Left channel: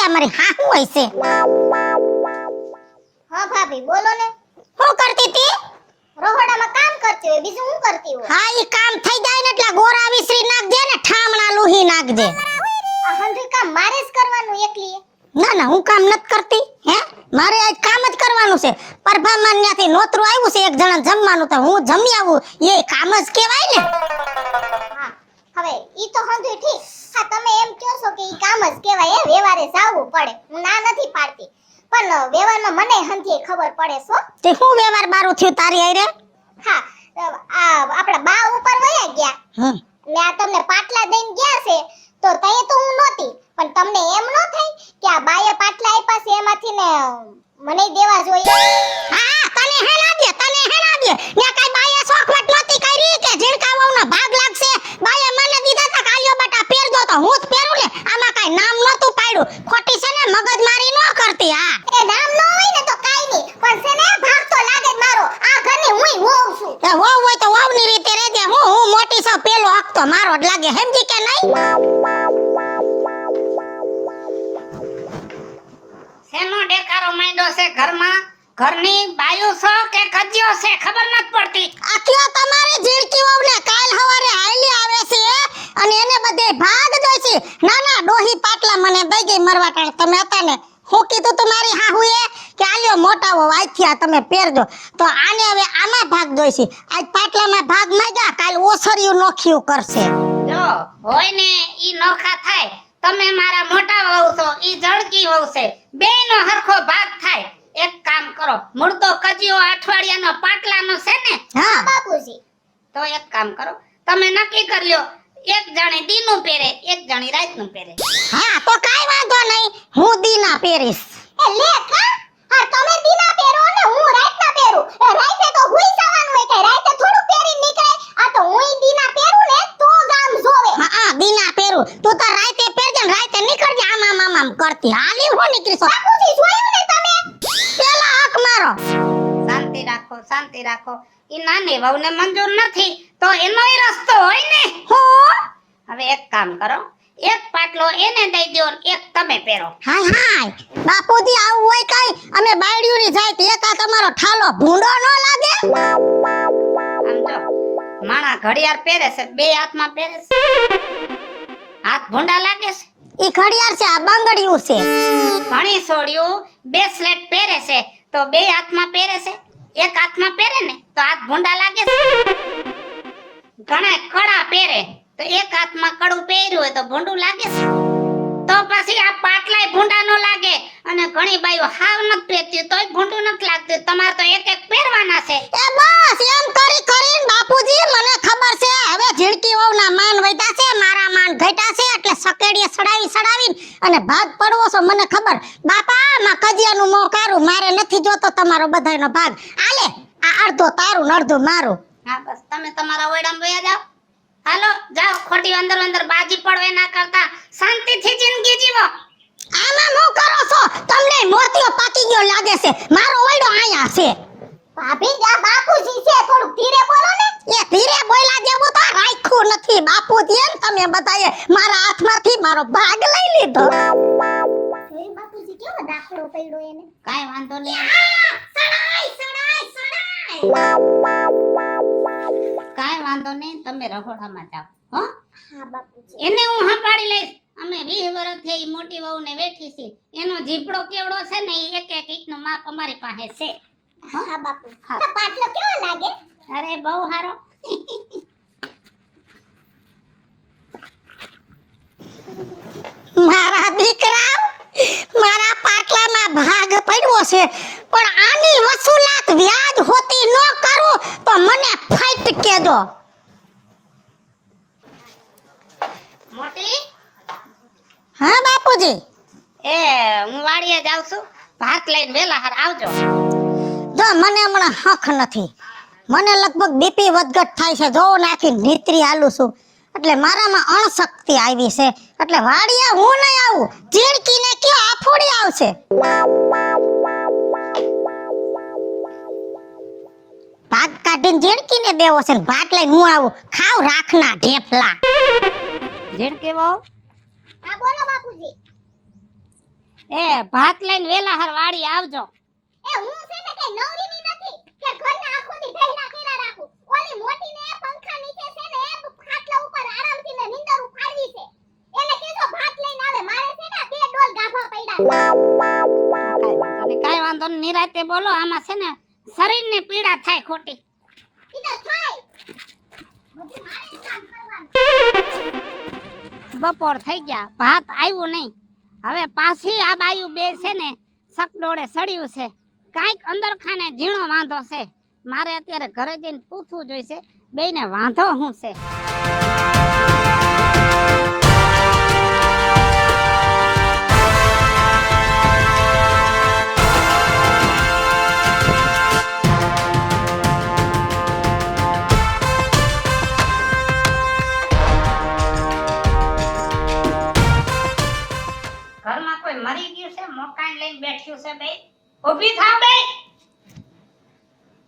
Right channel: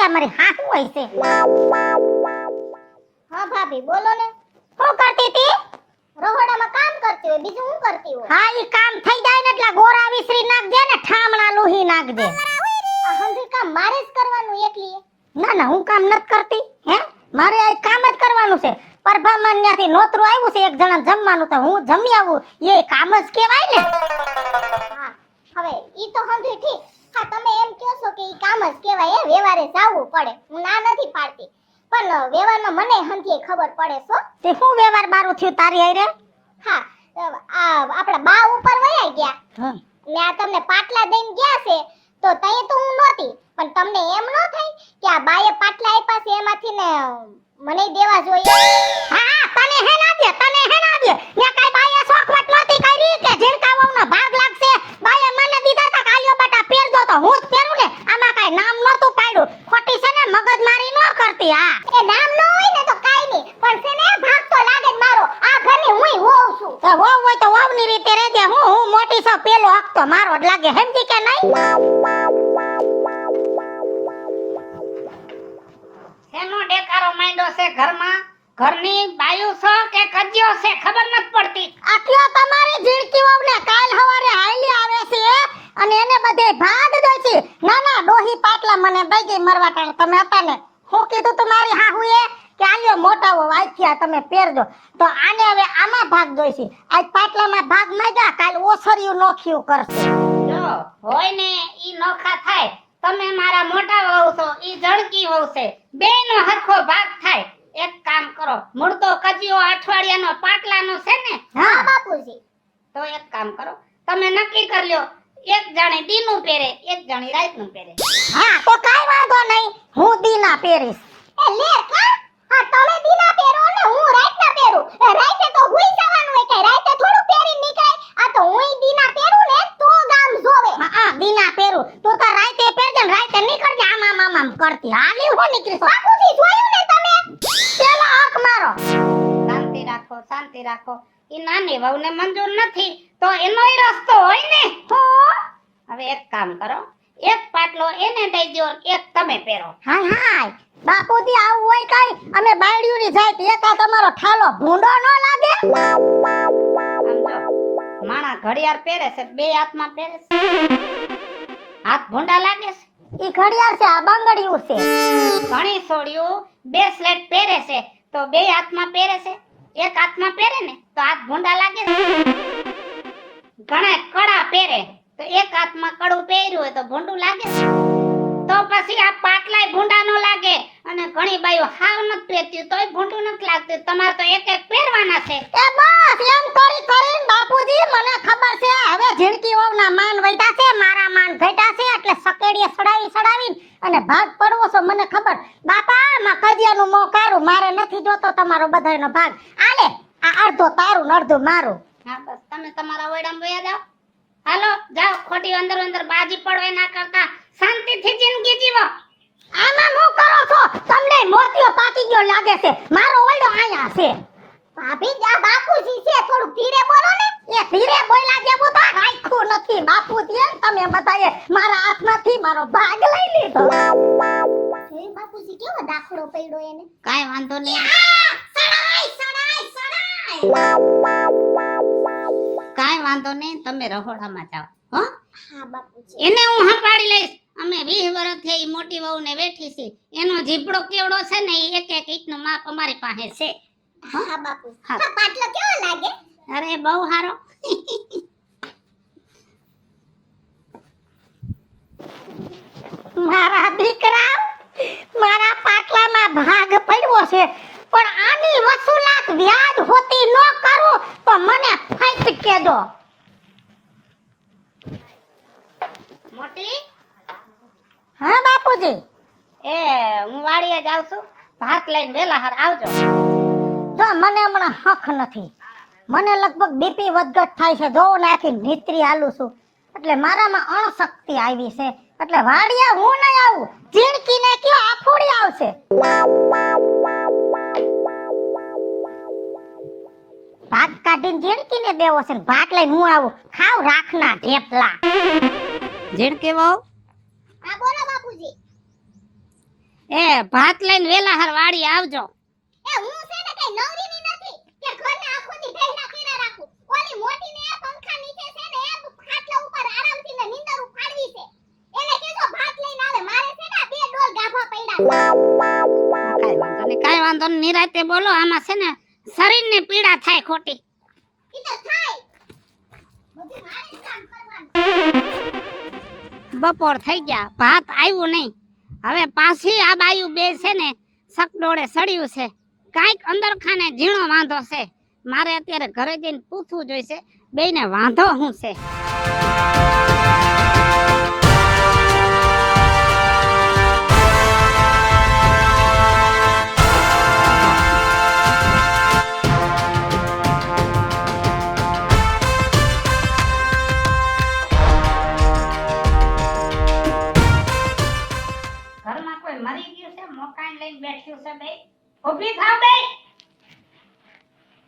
લાગે મારી હાહુ હશે. હા ભાભી બોલો ને. શું કરતી હતી? રહોડામાં કામ કરતી હોય, બીજું શું કરતી હોય? હા ઈ કામ થઈ જાય ને એટલે ગોરા વિસરી નાખજે ને ઠામણા લૂહી નાખજે. આ હંધે કામ મારે જ કરવાનું એકલી. ના ના હું કામ નથી કરતી. હે મારે આ કામ જ કરવાનું છે. પરભામાન ન્યાથી નોતરું આવ્યું છે એક જણા જમવાનું તો હું જમી આવું એ કામ જ કહેવાય ને. હા હવે ઈ તો હંધુય ઠીક. હા તમે એમ કહો છો કે ઈ કામ જ કહેવાય, એ વ્યવહારે જાવું પડે. હું ના નથી પાડતી, પણ વ્યવહારમાં મને હંધે ખબર પડે છો. તે હું વ્યવહાર બારું થયું તારી હારે? હા આ આપણા બા ઉપર વયા ગયા. હમ ને આ તમને પાટલા દઈને ગયા છે તો તઈ તો હું નહોતી, પણ તમને એમ ન થાય કે આ બાએ પાટલા આપ્યા છે એમાંથી ને મને દેવા જોઈએ? હા તને હે લાગે ને કઈ બાયા શોખવટ નથી કરી કે જેણકા વહુનો ભાગ લાગશે. બાયા મને દીધા તા કાલ્યો બટા પહેરજો તો હું જ પહેરું ને. આમાં કઈ નામ નહોતું પાડ્યું. ખોટી છે ને મગજમારી ન કરતી. હા એ નામ ન હોય ને તો કાઈ નહીં, પણ છે ને ભાગ તો લાગે જ મારો. આ ઘરની હુંય હોઉં છું. એ વહુ હોય તો વહુની રીતે રહેજે. હું મોટી છું પેલો હક તો મારો જ લાગે. સમજી કે નહીં? શેનો ડેકારો માંડ્યો છે ઘરમાં? ઘરની બાયું છે કે કજ્યો છે ખબર નથી પડતી. આટલા તમારે ઝીણકી વહુને કાલ હવારે હાલી આવે છે અને એને બધે ભાગ દે છે. ના ના ડોહી પાટલા મને દઈ ગઈ મરવા ટાણે તમે હતા ને. હું કીધું તું મારી હાહુએ કે આલ્યો મોટા હો વાંચ્યા તમે પહેરજો તો આને હવે આમાં ભાગ દોઈશી. આજ પાટલામાં ભાગ માંગ્યા કાલ ઓસરિયું નોખ્યું કરશે. જો હોય ને ઈ નોખા થાય. તમે મારા મોટા વહુ છો, ઈ જળકી વહુ છે. બેયનો હરખો ભાગ થાય. એક કામ કરો, મુર્દો કજિયો અઠવાડિયાનો પાટલાનો છે ને? હા બાપુજી તો એક કામ કરો, તમે નક્કી કરી લ્યો. એક જણે દીનું પહેરે, એક જણી રાતનું પહેરે. હા તો કાઈ વાંધો નહીં. હું દીના પહેરીશ. એ લે કા હા તમે દીના પહેરો ને હું રાતના પહેરું. એ રાતે તો હુઈ જવાનું હોય, કે રાતે થોડું પહેરી નીકળે. આ તો હુંય દીના પહેરું ને તો ગામ જોવે. હા દીના પહેરું. તું તો રાતે પહેરજે ને રાતે નીકળજે આમ કરતી. હાલી હું નીકળીશ. બાપુજી જોયું ને તમે? પેલા હક મારો. શાંતિ રાખો, શાંતિ રાખો. ઈ નાની વહુને મંજૂર નથી તો એનોય રસ્તો હોય ને. હવે એક કામ કરો, એક પાટલો એને દઈ દો ને એક તમે પહેરો. હાય હાય બાપુજી આવું હોય કાઈ અને બાયડીઓની જાય તો એકા તમારો ઠાલો ભૂંડો ન લાગે? આમ જો, માણા ઘડિયાળ પહેરે છે, બે હાથમાં પહેરે છે. હાથ ભૂંડા લાગે છે. ઈ ઘડિયાળ છે આ બંગડીયું છે. ઘણી સોળિયું બ્રેસલેટ પહેરે છે તો બે હાથમાં પહેરે છે. એક હાથમાં પહેરે ને તો હાથ ભૂંડા લાગે છે. ઘણા કડા પહેરે તો એક હાથમાં કડું પહેર્યું હોય તો ભૂંડું લાગે છે. તો પછી આ પાટલાય ભૂંડા નો લાગે. અને ઘણી બાઈઓ હાવ નથી પહેરતી તોય ભૂંડું નથી લાગતું. તમારે તો એક એક પહેરવાના છે. એ બસ એમ કરીને બાપુજી મને ખબર છે હવે ઝીણકી વહુના માન વધ્યા છે મારા માન ઘટ્યા છે એટલે સકેડીએ સડાવી અને ભાગ પડવો છો મને ખબર. બાપા માં કજિયાનું મોં કારું મારે નથી જોતો તમારો બધાયનો ભાગ. આલે આ અડધો તારું ને અડધો મારું. હા બસ તમે તમારા ઓયડામાં વયા જાઓ. હાલો જાઓ, ખોટી અંદર બાજી પડવે ના કરતા શાંતિથી જિંદગી જીવો. આમાં નો કરો છો તમને મોતીઓ પાકી ગયો લાગે છે. મારો ઓયડો અહીંયા છે. ભાભી આ બાપુજી છે, થોડું ધીરે બોલો ને. એ ધીરે બોલ્યા જેવું તો રાખ્યું નથી બાપુજી. એમ તમે બતાએ મારા હાથમાંથી મારો ભાગ લઈ લીધો. એ બાપુજી કેવો દાખલો પડ્યો એને. કાઈ વાંધો નહીં. કાઈ વાંધો નહીં, તમે રહોડામાં જાઓ. હો હા બાપુજી. એને હું સંભાળી લઈશ. અમે 20 વર્ષથી ઈ મોટી વહુને વેઠી છે. એનો જીભડો કેવડો છે ને ઈ એક એક ઈંટનું માપ અમારી પાસે છે. હા બાપુ. હા. આ પાટલો કેવો લાગે? અરે બહુ સારો. મારા દીકરા મારા પાટલામાં ભાગ પડ્યો છે પણ આની વસૂલાત વ્યાજ હોતી ન કરું તો મને ફાઈટ કેજો. મોટી હા બાપુજી. એ હું વાડીએ જાઉં છું. ભાત લઈને વેલા હાર આવજો. જો મને હમણાં હક નથી. મને લગભગ બીપી વધઘટ થાય છે. જો નાખી નીતરી આલું છું એટલે મારામાં અણશક્તિ આવી છે એટલે વાડીએ હું નહીં આવું. ઝીણકીને કયો આફોડી આવશે. ભાત કાઢીને ઝીણકીને દેવો છે ને ભાત લઈને હું આવું. ખાવ રાખના ઢેફલા. ઝીણકી વહુ હા બોલો બાપુજી. એ ભાત લઈને વેલા હાર વાડી આવજો. એ હું છે ને કઈ નવરીની નથી કે ઘરના આખોથી ઢહેડા કર્યા રાખું. ઓલી મોટીને પંખા નીચે છે ને ખાટલા ઉપર આરામથી ને નીંદર ઉપાડવી છે. એને કેજો ભાત લઈને આવે. મારે છે ને બે ડોલ ગાભા પડ્યા. કાઈ વાંધો નહીં, નિરાતે બોલો. આમાં છે ને શરીરને પીડા થાય ખોટી. ઇધર થાય. બધું મારે જ કામ કરવાનું. બપોર થઈ ગયા, ભાત આવ્યું નહીં. હવે પાછી આ બાયું બે છે ને સકડોળે સડ્યું છે. કાંઈક અંદર ખાને ઝીણો વાંધો છે. મારે અત્યારે ઘરે જઈને પૂછવું જોઈશે બેયને વાંધો શું છે. ઘરમાં કોઈ મરી ગયું છે, મોકાણ લઈને બેઠ્યું છે બે. ઊભી થાવ બે.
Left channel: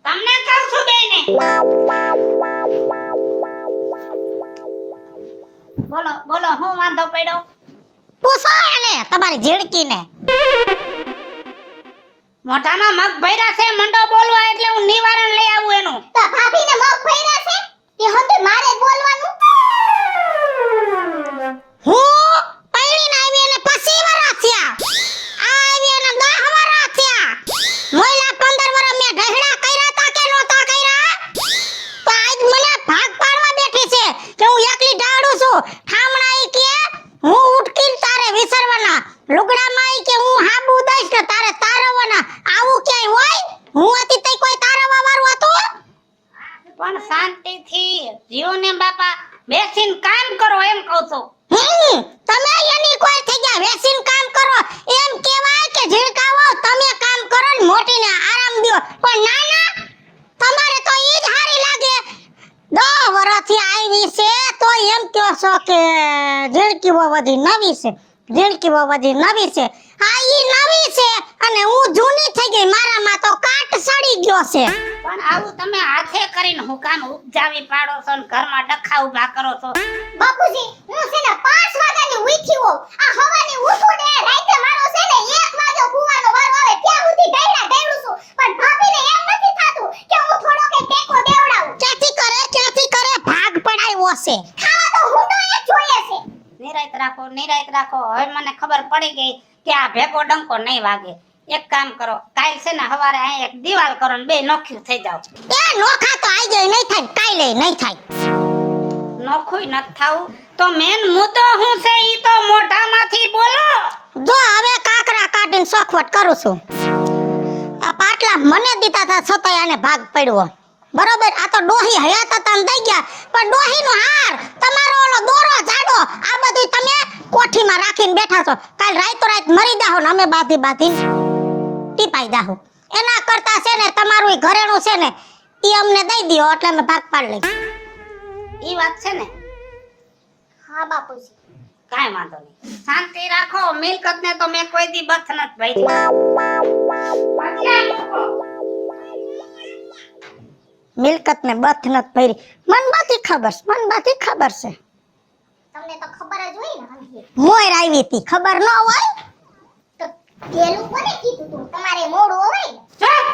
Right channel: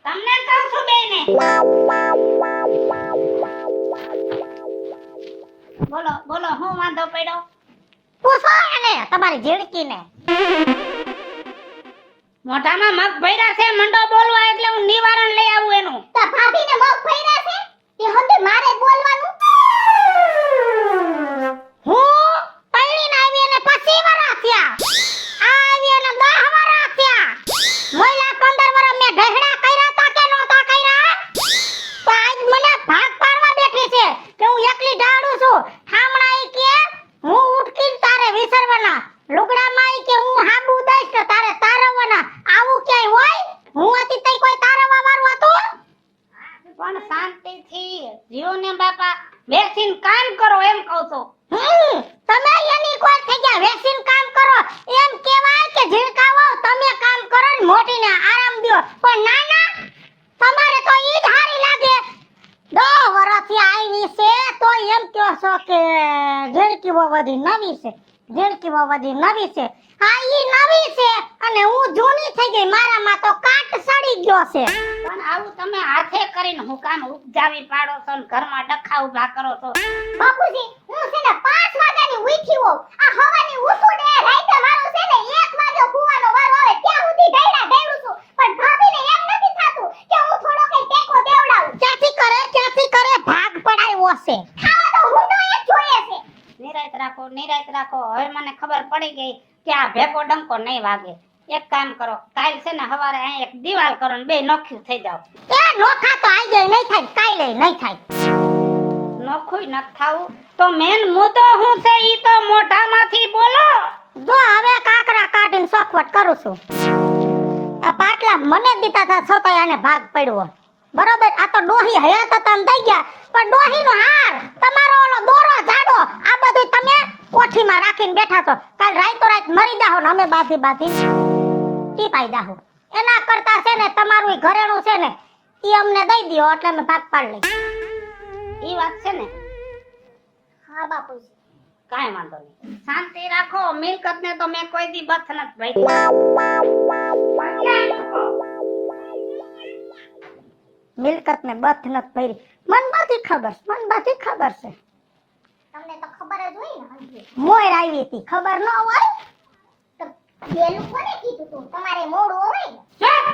તમને કહું છું બેયને. બોલો બોલો, હું વાંધો પડ્યો? પૂછો એને તમારી ઝીણકીને. મોઢામાં મગ ભર્યા છે, મંડો બોલવા એટલે હું નિવારણ લઈ આવું એનું. તો ભાભીને મગ ભર્યા છે એ હતું મારે જ બોલવાનું. હું પૈણીને આવી અને પછી વરસ થયા. આવી અને 10 વરસ થયા. મોયલા 15 વરસ મેં ઢહેડા કર્યા તા કે નહોતા કર્યા? તો આજ મને ભાગ પાડવા બેઠી છે કે હું એકલી ઢાળું છું. ઠામણા ઈ કે હું ઉઠકીને તારે વિસરવાના. લુગડામાં ઈ કે હું હાબુ દઈશ ને તારે તારવવાના. આવું ક્યાંય હોય? હું હતી તઈ કોઈ તારવવા વાળું હતું? પણ શાંતિથી જીવો ને બાપા, બેસીને કામ કરો એમ કહું છું. તમે એની કોઈ થઈ ગયા વેસીન કામ કરો એમ કહેવાય કે ઝીણકાવો તમે કામ કરો ને મોટીને આરામ દ્યો. પણ ના ના, તમારે તો ઈ જ હારી લાગે. 10 વર્ષથી આવી છે તો એમ કહો છો કે ઝીણકી બધી નવી છે. ઝીણકી બધી નવી છે. હા ઈ નવી છે અને હું જૂની થઈ ગઈ. મારામાં તો કાટ સડી ગયો છે. પણ આવું તમે હાથે કરીને હું કામ ઉપજાવી પાડો છો ને ઘરમાં ડખા ઉભા કરો છો. બાપુજી હું છે ને 5 વાગ્યાની ઉઠી હોઉં. આ હવાની ઉઠું ને રાતે મારો છે ને 1 વાગે હુવાનો વારો આવે ત્યાં સુધી ડાયડા ડાયડું છું. પણ ભાભીને એમ નથી થાતું કે હું થોડો કે ટેકો દેવડાવું. ક્યાંથી કરે ભાગ પડાવ્યો છે. ખાવા તો હુંડો એ જોઈએ છે. નિરાંત રાખો, નિરાંત રાખો. હવે મને ખબર પડી ગઈ કે આ ભેગો ડંકો નહીં વાગે. એક કામ કરો, કાલ છે ને સવારે આ એક દિવાલ કરો ને બે નોખ્યું થઈ જાવ. એ નોખા તો આઈ ગઈ નહીં થાય, કાલે નહીં થાય. નોખુંય નથી થાવું તો મેન મુદ્દો શું છે ઈ તો મોઢામાંથી બોલો. જો હવે કાકરા કાઢીને સોખવટ કરું છું. આ પાટલા મને દીધા હતા છતાંય આને ભાગ પડ્યો. બરોબર, આ તો ડોહી હયાત હતા ને દઈ ગયા. પણ ડોહીનો હાર, તમારો ઓલો દોરો જાડો, આ બધું તમે કોઠીમાં રાખીને બેઠા છો. કાલ રાતો રાત મરી જાહો ને અમે બાધી ટીપાઈ જાહો. એના કરતા છે ને તમારું ઈ ઘરેણું છે ને ઈ અમને દઈ દ્યો એટલે અમે ભાગ પાડી લઈ. ઈ વાત છે ને, હા બાપુજી. કાંઈ વાંધો નહીં. શાંતિ રાખો. મિલકત ને તો મેં કોઈ દી બથ નથી ભાઈ. મિલકત ને બથ નત ભરી. મન બાથી ખબર છે, મન બાથી ખબર છે. તમને તો ખબર જ હોય ને હંધી. મોર આવી હતી, ખબર ન હોય? તો પેલું કોને કીધું તું તમારે મોડું હોય ને? ચૂપ!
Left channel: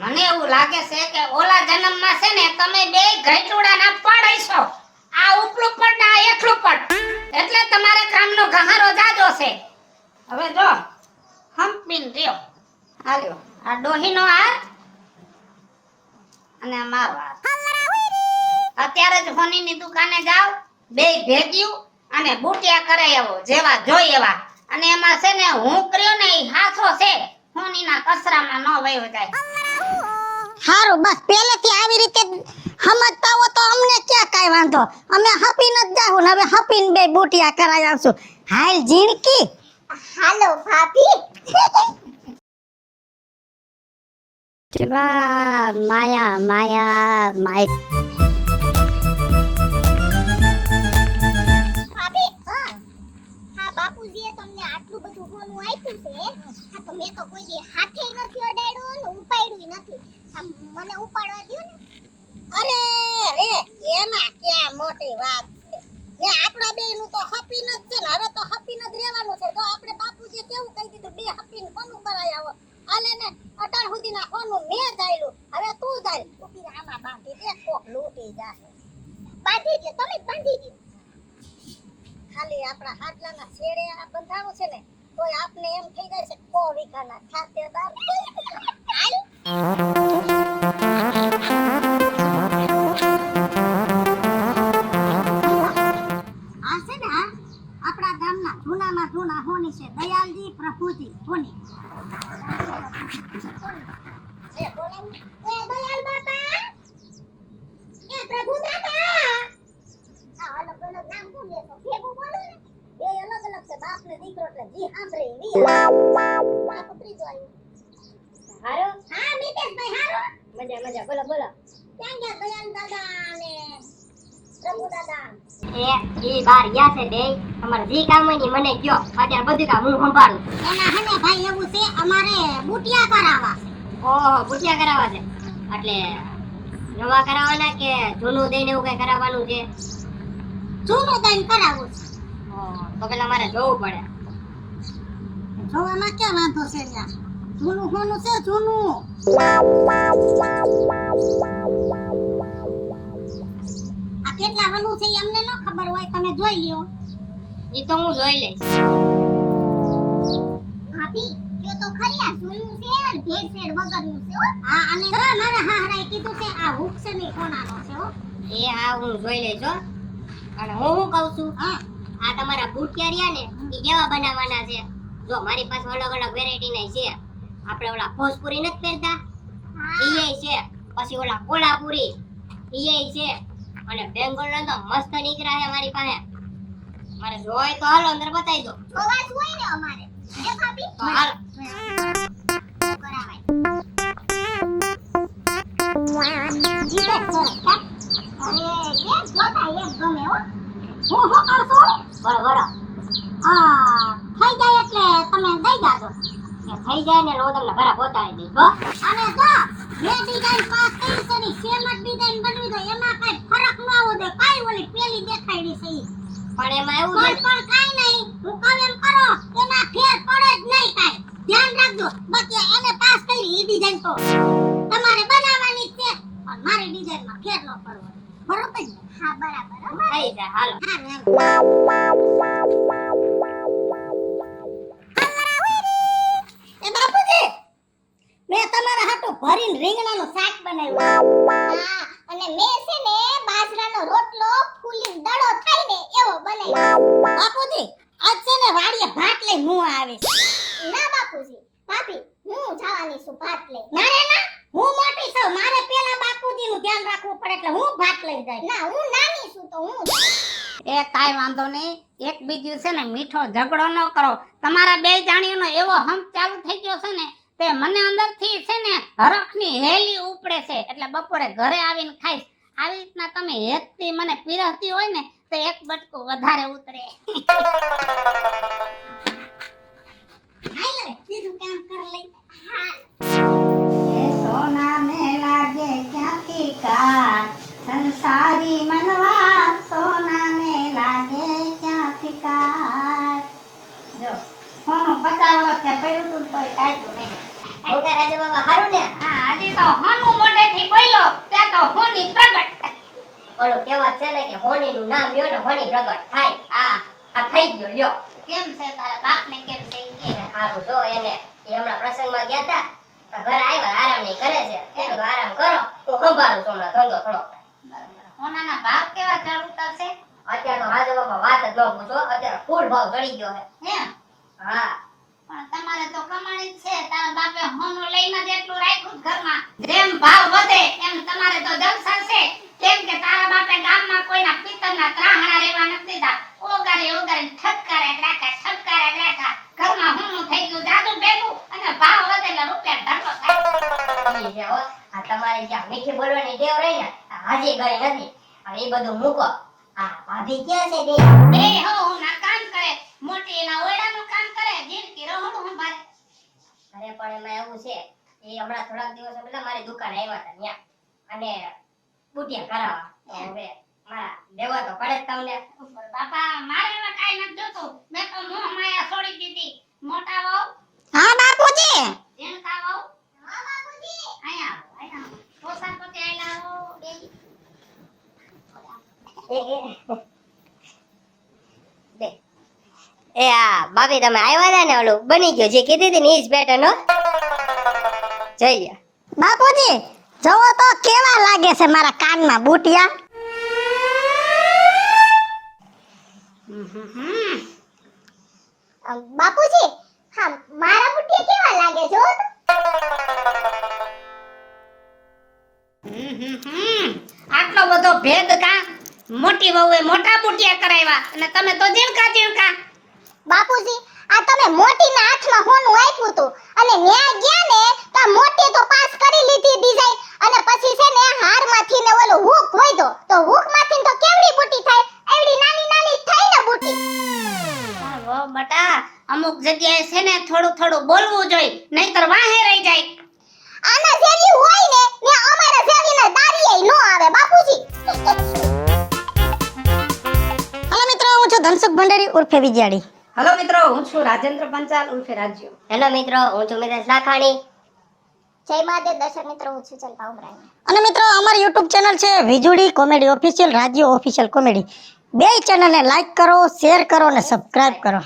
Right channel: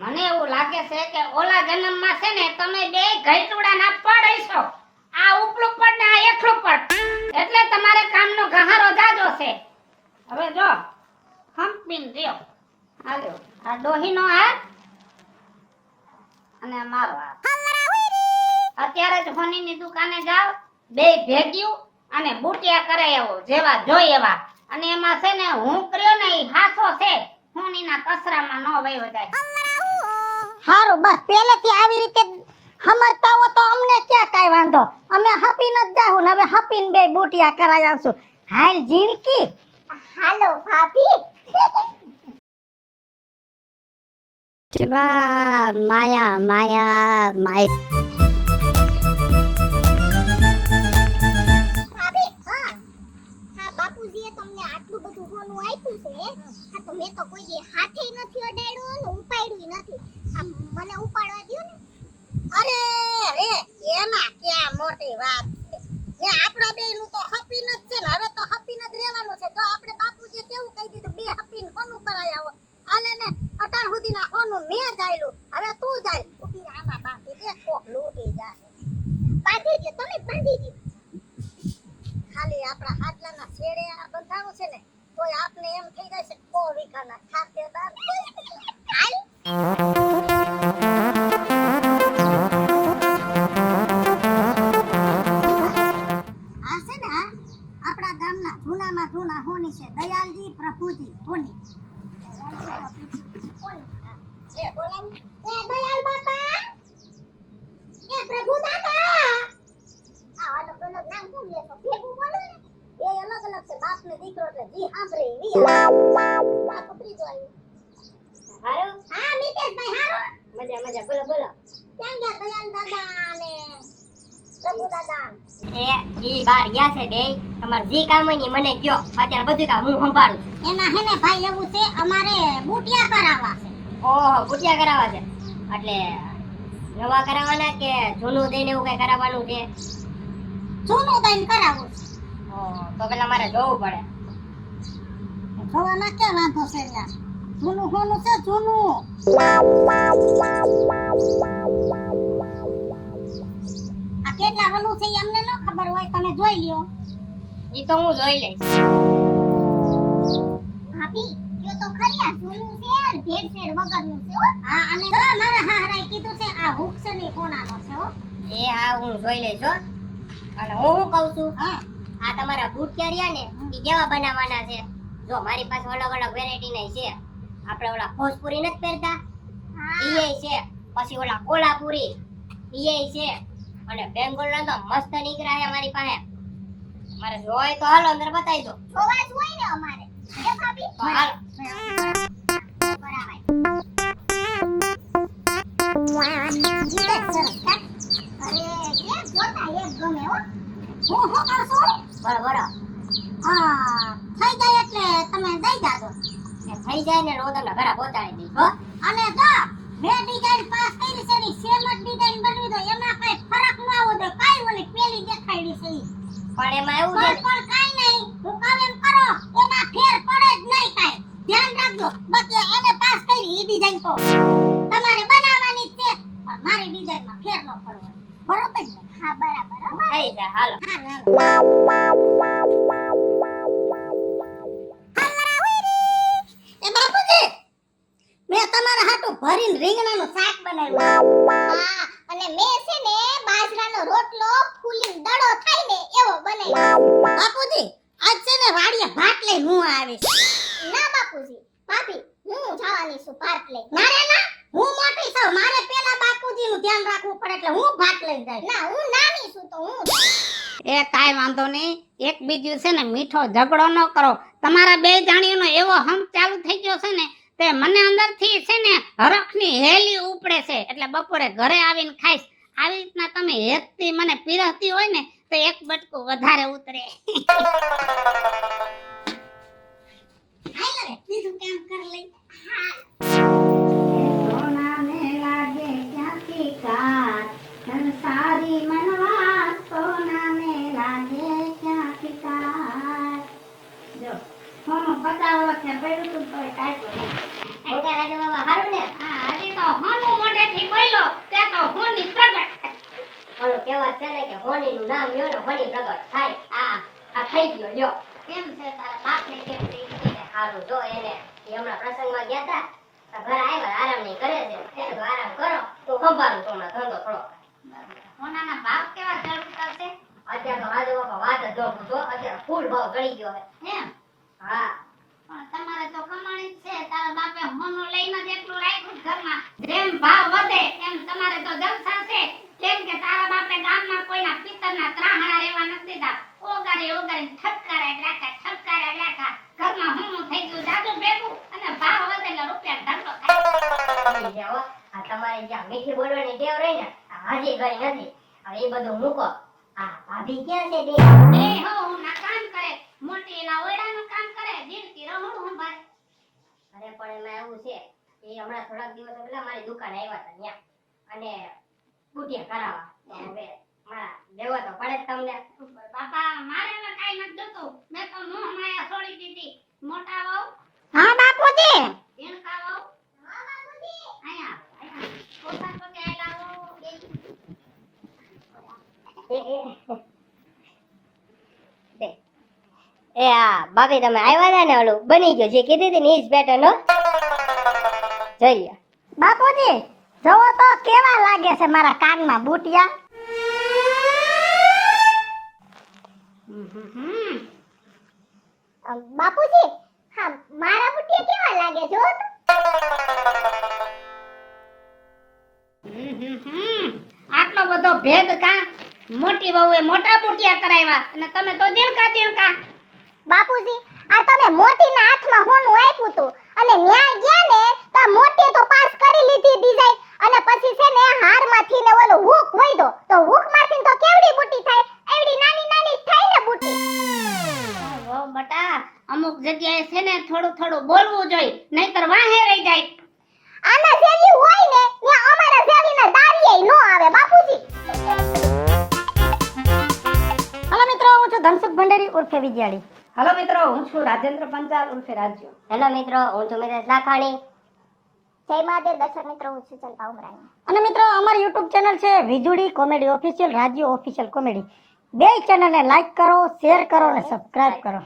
મને એવું લાગે છે કે ઓલા જન્મમાં છે ને તમે બે ઘઈટુડાના પડઈશો. આ ઉપલું પડ ને આ એકલું પડ. એટલે તમારે કામનો ગહારો જાજો છે. હવે જો હંપીન રહ્યો. હાલ્યો આ ડોહીનો હાથ અને મારો હાથ. અત્યારે જ હોનીની દુકાને જાવ, બે ભેગ્યું અને બુટિયા કરે એવો જેવા જોઈ એવા. અને એમાં છે ને હું કર્યો ને ઈ હાથો છે, હોનીના કસરામાં ન વયો જાય. હારું, બસ પહેલેથી આવી રીતે સમજતા હો તો અમને ક્યાં કાઈ વાંધો. અમે હપીન જ જાહું ને હવે હપીન બે બુટિયા કરાઈ આવશું. હાલ ઝીણકી. હાલો ભાભી. માયા માયા માય. ભાભી હા બાપુજીએ તમને આટલું બધું હોનું આપ્યું છે. હા તો મેં તો કોઈ દી હાથે નથી અડાડ્યું ને ઉપાડ્યું નથી. આ મને ઉપાડવા દ્યો ને. અરે રે, એમાં ક્યાં મોટી વાત છે. ને આપણા બેયનું તો હપીન જ છે ને, હવે તો હપીન જ રહેવાનું છે. જો આપણે બાપુ છે ને તોય આપને એમ થઈ જાય છે કો વીઘાના ખાતેદાર હાલ આ છે ને આપણા ગામના જૂનામાં જૂના હોની છે દયાલજી પ્રભુજી હોની એ બોલે એ દયાલ બાપા એ પ્રભુ દાદા આ અલગ અલગ નામ શું લે તો ભેગું બોલો ને એ અલગ અલગ છે બાપ ને દીકરો એટલે જી સાંભળે ની આ પકડી જો આવ્યું હારો હા મિતેશભાઈ હારો મજા મજા બોલો બોલો ક્યાં ગયા દયાલ દાદા ને પ્રભુ દાદા એ ઈ બાર ગયા છે બે અમાર જી કામ હોય ની મને કયો અત્યારે બધું કામ હું સંભાળું એના હે ને ભાઈ એવું છે અમારે બુટિયા કરાવવા છે ઓહો બુટિયા કરાવવા છે એટલે નવા કરાવવાના કે જૂનું દઈને એવું કઈ કરાવવાનું છે જૂનું દઈને કરાવવું છે ઓહ તો પેલા મારે જોવું પડે જોવામાં ક્યાં વાંધો છે ત્યાં જૂનું હોનું છે જૂનું આ કેટલા વલું છે ઈ અમને ન ખબર હોય તમે જોઈ લ્યો ઈ તો હું જોઈ લઈશ ભાભી એ તો ખરી આ જૂનું છે અને ભેળસેળ વગરનું છે હો હા અને જો મારા હાહરાએ કીધું છે આ હુક છે ને ઈ કોનાનો છે હો એ હા હું જોઈ લઈશ હો અને હું શું કહું છું હા આ તમારા બુટિયા રહ્યા ને ઈ કેવા બનાવવાના છે જો મારી પાસે અલગ અલગ વેરાયટી ના છે આપણે ઓલા ફોસપુરી નથી પહેરતા ઈ છે પછી ઓલા કોલાપુરી ઈ છે અને બેંગોળ તો મસ્ત નીકળ્યા છે મારી પાસે મારે જોય તો હાલો અંદર બતાવી દો જોવા જ હોય ને અમારે હે ભાભી તો હાલો કરાવાય અરે એક જોતા એક ગમે હો હું શું કરશું બરોબર હા થઈ જાય એટલે તમે દઈ જાજો થઈ જાય ને હું તમને ઘરે પહોંચાડી દઈશ હો અને જો જે ડિઝાઇન પાસ કરી છે ની સેમ જ ડિઝાઇન બનવી દો એમાં કઈ ફરક ન આવો દે કાઈ ઓલી પેલી દેખાડી છે ઈ. પણ એમાં એવું છે પણ કાઈ નહીં હું કહું એમ કરો એમાં ફેર પડે જ નહીં કાઈ ધ્યાન રાખજો બાકી એને પાસ કરી ઈ ડિઝાઇન તો તમારે બનાવવાની જ છે પણ મારી ડિઝાઇનમાં ફેર ન પડવો બરોબર ને હા બરાબર હો થઈ જાય હાલો હારું એ બાપુજી મેં તમારા હાટુ ભરીને રીંગણાનું શાક બનાવ્યું હા અને મેં છે ને બાજરાનો રોટલો ફૂલી દડો થાય ને એવો બનાવ્યો બાપુજી આજ છે ને વાડીએ ભાત લઈને હું આવીશ ના બાપુજી ભાભી હું જવાની છું ભાત લઈ મારે ના હું મોટી છું મારે પેલા બાપુજીનું ધ્યાન રાખવું પડે એટલે હું ભાત લઈ જાય ના હું નાની છું તો હું એ કાઈ વાંધો નહીં એક બીજું છે ને મીઠો ઝઘડો ન કરો તમારા બે જાણીઓનો એવો હમ ચાલુ થઈ ગયો છે ને તે મને અંદરથી છે ને હરખની હેલી ઉપડે છે એટલે બપોરે ઘરે આવીને ખાઈશ આવી રીતના તમે હેતથી મને પીરસતી હોય ને તો એક બટકું વધારે ઉતરે હાલ રે બીજું કામ કર લઈ સોના ને લાગે ક્યાંથી કાન સંસારી મનવા સોના ને લાગે ક્યાંથી કાન જો હોનું બતાવો તે પડ્યું તું કોઈ કાઢ્યું નહીં મોટા રાજા બાબા હારું ને હા હજી તો હોનું મોઢેથી બોલ્યો ત્યાં તો હોની પ્રગટ ઓલો કહેવત છે ને કે હોનીનું નામ લ્યો ને હોની પ્રગટ થાય આ થઈ ગયો લ્યો કેમ છે તારા બાપને કેમ છે ઈ કે હારું જો એને એ હમણાં પ્રસંગમાં ગયા તા તો ઘરે આવ્યા આરામ નહીં કરે છે એને તો આરામ કરો હું સંભાળું છું હમણાં ધંધો થોડો હોનાના ભાવ કેવા ચાલુ કરશે અત્યારે તો રાજુ બાબા વાત જ ન પૂછો અત્યારે ફૂલ ભાવ ચડી ગયો છે હે હા પણ તમારે તો કમાણી જ છે તારા બાપે હોનું લઈને જ એટલું રાખ્યું છે ઘરમાં જેમ ભાવ વધે એમ તમારે તો જલસા છે કેમ કે તારા બાપે ગામમાં કોઈના પિત્તરના ત્રાહણા રહેવા નથી દીધા ઓગારે ઠપકારે રાખા ઘરમાં હું થઈ ગયું જાદુ ભેગું અને ભાવ વધે એટલે રૂપિયા ધરકો થાય ઈ છે હો. આ તમારે જ્યાં મીઠી બોલવાની ટેવ રહી ને આ હાજી કરી નથી હવે એ બધું મૂકો હા ભાભી ક્યાં છે બે એ હો ના કામ કરે મોટી એના ઓયડાનું કામ કરે જીરકી રહું સંભાળે અરે પણ એમાં એવું છે એ હમણાં થોડાક દિવસો પહેલા મારી દુકાન આવ્યા હતા ત્યાં અને પૂટિયા કરાવવા તો હવે મારા દેવા તો પડે જ તમને બાપા મારે હવે કાઈ નથી જોતું મેં તો મોહ માયા છોડી દીધી મોટા વહુ હા બાપુજી જેલકા વહુ હા બાપુજી આયા પોસાક પોતે આયલા હો બે એ હા ભાભી તમે આવ્યા હતા ને ઓલું બની ગયો જે કીધી હતી ને ઈ જ પેટર્ન હો જોઈ લ્યો બાપુજી જોવો તો કેવા લાગે છે મારા કાનમાં બુટિયા. બાપુજી હા મારા બુટિયા કેવા લાગે જો તો? આટલો બધો ભેદ કા? મોટી વહુએ મોટા બુટિયા કરાવ્યા અને તમે તો ઝીણકા. બાપુજી આ તમે મોટીના હાથમાં હોનું આપ્યું હતું અને ન્યાય ગયા ને તો આ મોટી તો પાસ કરી લીધી ડિઝાઇન અને પછી છે ને હારમાંથી ને ઓલું હુક હોય તો હુકમાંથી તો કેવડી મોટી થાય એવડી નાની નાની થાય ને બુટી. ઓ બટા અમુક જગ્યાએ છે ને થોડું થોડું બોલવું જોઈએ નહીતર વાહે રહી જાય. આના જેવી હોય ને ને અમારા જેવીના દારીએ નો આવે બાપુજી. હલો મિત્રો, હું છું ધનસુખ ભંડેરી ઉર્ફે વિજયાડી. હલો મિત્રો, હું છું રાજેન્દ્ર પંચાલ ઉર્ફે રાજ્યો. હેલો મિત્રો હું છું મિતેશ લાખાણી જય મહાદેવ દર્શક મિત્રો, હું છું ચંપા ઉમરાણી. અને મિત્રો અમારી YouTube ચેનલ છે વીજળી કોમેડી ઓફિશિયલ, રાજ્યો ઓફિશિયલ કોમેડી. બે ચેનલને લાઈક કરો, શેર કરો અને સબસ્ક્રાઇબ કરો.